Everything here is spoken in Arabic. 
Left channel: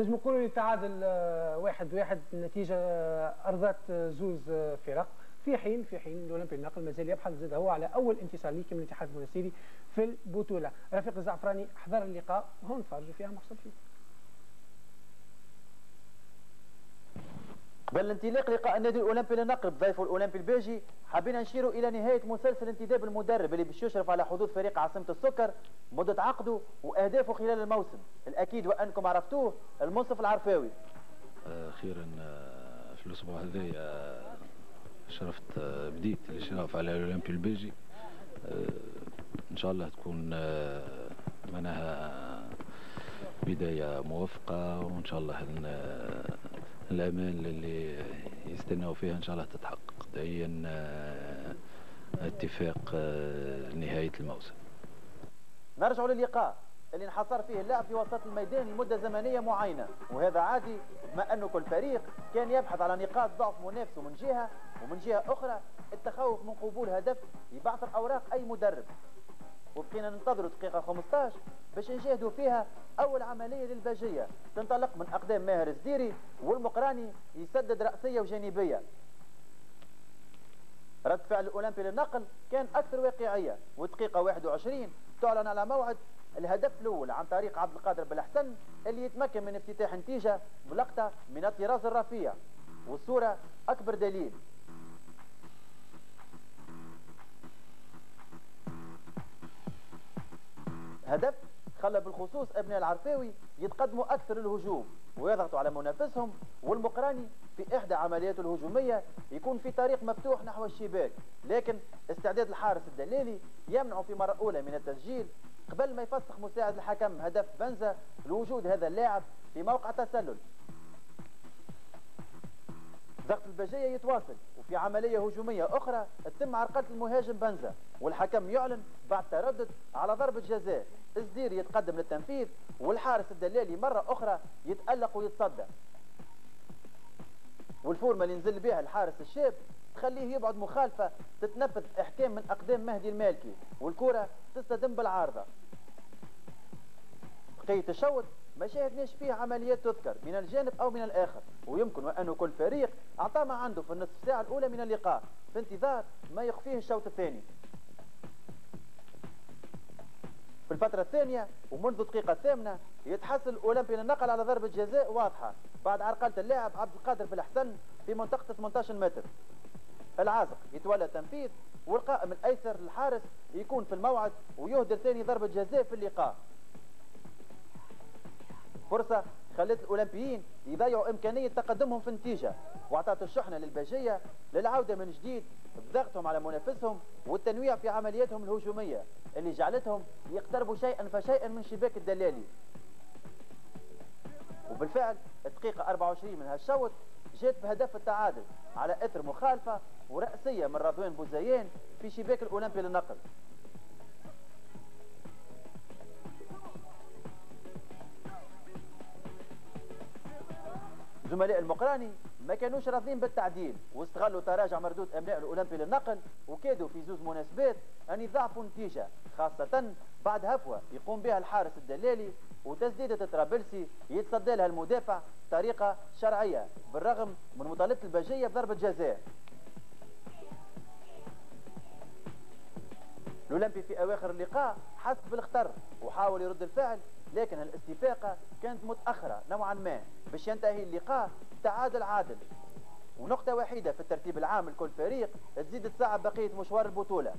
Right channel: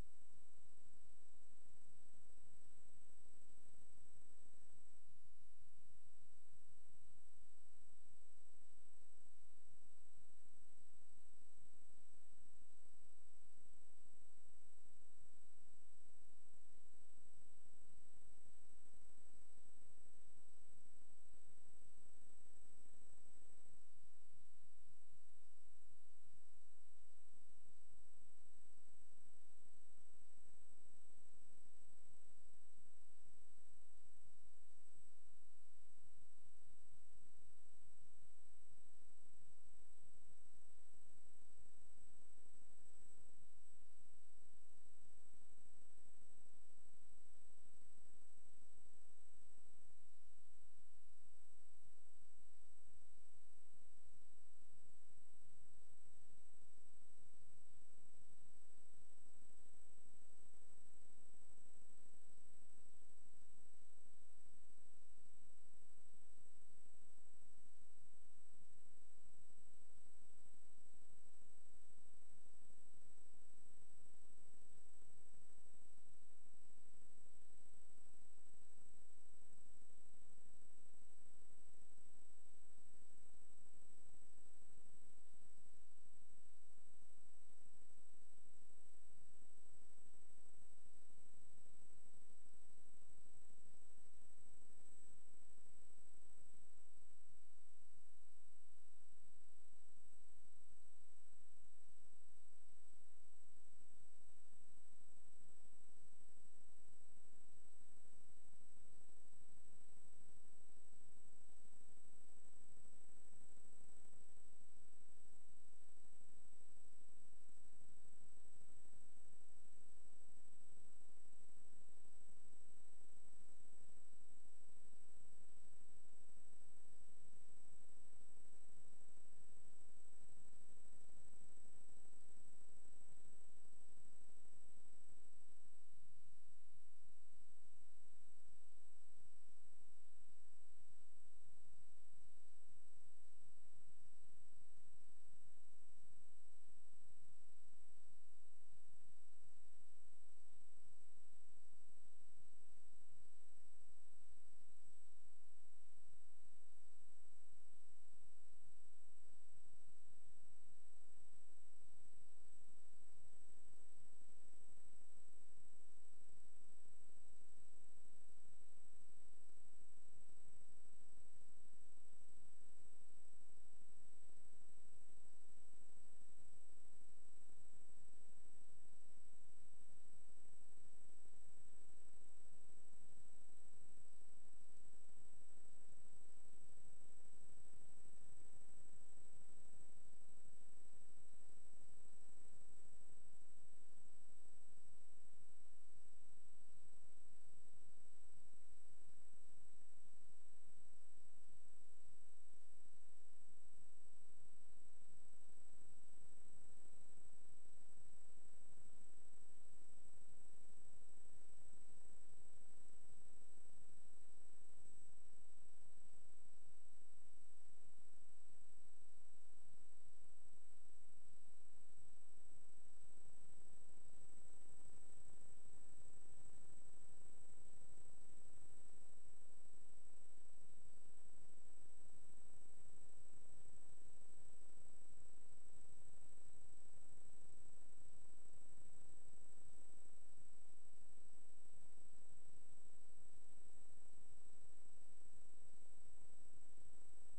نجم نقولوا التعادل 1-1. النتيجه ارضات زوز فرق، في حين الاولمبي النقل مازال يبحث زاد هو على اول انتصار ليه من الاتحاد المنستيري في البطوله. رفيق الزعفراني حضر اللقاء وهون نتفرجوا فيها مختلفين. قبل الانطلاق لقاء النادي الاولمبي للنقل بضيفه الاولمبي البيجي، حابين نشيروا الى نهايه مسلسل انتداب المدرب اللي باش يشرف على حظوظ فريق عاصمه السكر مده عقده واهدافه خلال الموسم. الاكيد وانكم عرفتوه، المنصف العرفاوي. اخيرا في الاسبوع هذا شرفت بديت الاشراف على الاولمبي البيجي. ان شاء الله تكون معناها بدايه موفقه، وان شاء الله الامال اللي يستناو فيها ان شاء الله تتحقق. دائيا اتفاق نهايه الموسم. نرجع للقاء اللي انحصر فيه اللعب في وسط الميدان لمده زمنيه معينه، وهذا عادي بما انه كل فريق كان يبحث على نقاط ضعف منافسه من جهه، ومن جهه اخرى التخوف من قبول هدف يبعثر اوراق اي مدرب. وبقينا ننتظروا دقيقه 15 باش نشاهدوا فيها اول عمليه للباجيه تنطلق من اقدام ماهر الزديري، والمقراني يسدد راسيه وجانبيه. رد فعل الاولمبي للنقل كان اكثر واقعيه، ودقيقه 21 تعلن على موعد الهدف الاول عن طريق عبد القادر بالحسن اللي يتمكن من افتتاح نتيجه بلقطه من الطراز الرفيع، والصوره اكبر دليل. هدف خلى بالخصوص ابناء العرفاوي يتقدموا اكثر الهجوم ويضغطوا على منافسهم، والمقراني في احدى عملياته الهجوميه يكون في طريق مفتوح نحو الشباك، لكن استعداد الحارس الدلالي يمنعه في مره اولى من التسجيل قبل ما يفسخ مساعد الحكم هدف بنزا لوجود هذا اللاعب في موقع تسلل. ضغط الباجيه يتواصل، وفي عمليه هجوميه اخرى تتم عرقله المهاجم بنزا، والحكم يعلن بعد تردد على ضربه جزاء. الزدير يتقدم للتنفيذ، والحارس الدلالي مره اخرى يتالق ويتصدى، والفورمه اللي نزل بها الحارس الشاب تخليه يبعد مخالفه تتنفذ احكام من اقدام مهدي المالكي، والكره تصطدم بالعارضه. بقيه الشوط ما شاهدناش فيه عمليات تذكر من الجانب او من الاخر، ويمكن وانه كل فريق اعطى ما عنده في النصف ساعه الاولى من اللقاء في انتظار ما يخفيه الشوط الثاني. في الفترة الثانية ومنذ الدقيقة الثامنة يتحصل الأولمبي للنقل على ضربة جزاء واضحة بعد عرقلة اللاعب عبد القادر بالحسن في منطقة 18 متر. العازق يتولى التنفيذ، والقائم الأيسر للحارس يكون في الموعد ويهدر ثاني ضربة جزاء في اللقاء. فرصة خلت الأولمبيين يضيعوا إمكانية تقدمهم في النتيجة، واعطت الشحنة للباجية للعودة من جديد بضغطهم على منافسهم والتنويع في عملياتهم الهجومية اللي جعلتهم يقتربوا شيئا فشيئا من شباك الدلالي. وبالفعل الدقيقة 24 من هالشوط جات بهدف التعادل على اثر مخالفة ورأسية من رضوان بوزيان في شباك الأولمبي للنقل. زملاء المقراني ما كانوش راضين بالتعديل، واستغلوا تراجع مردود ابناء الاولمبي للنقل، وكادوا في زوج مناسبات ان يضاعفوا النتيجه، خاصه بعد هفوه يقوم بها الحارس الدلالي وتسديده طرابلسي يتصدى لها المدافع بطريقه شرعيه بالرغم من مطالبه الباجيه بضربه جزاء. الاولمبي في اواخر اللقاء حس بالخطر وحاول يرد الفعل، لكن الاستفاقه كانت متاخره نوعا ما باش ينتهي اللقاء تعادل عادل، ونقطه وحيده في الترتيب العام لكل فريق تزيد تصعب بقيه مشوار البطوله.